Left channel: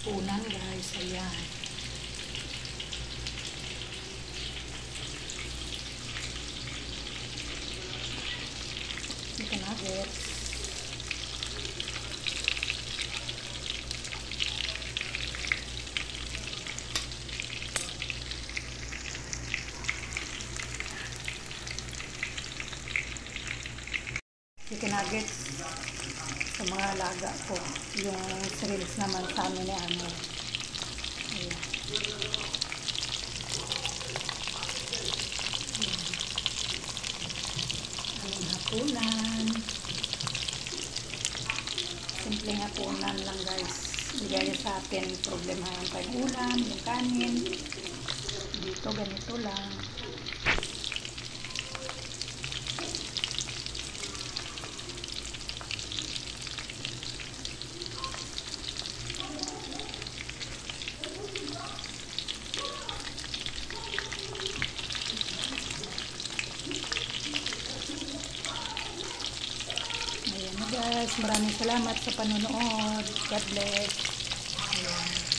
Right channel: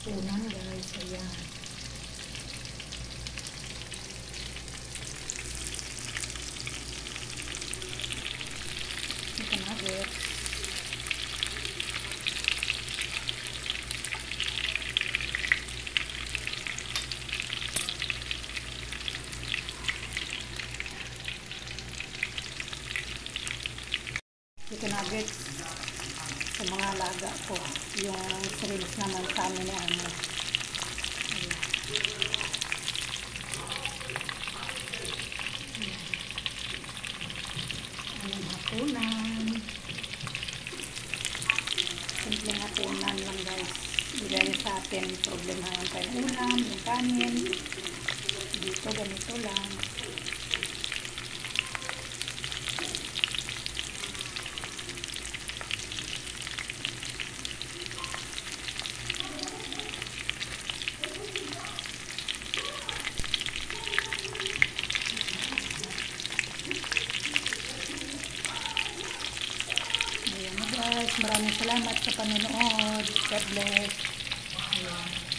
Punan guys, ayan. Chicken nuggets. Chicken nuggets sa mga alaga ko. Yung shrimps naman sa amin ni ano. Ayan. Ayan, hapunan. Simpleng hapunan lang guys. Bigay sa atin problema yung tayong ulam, yung kanin. Dito ganito lang. Ayan na guys, maraming salamat sa panonood. God bless. Ayan.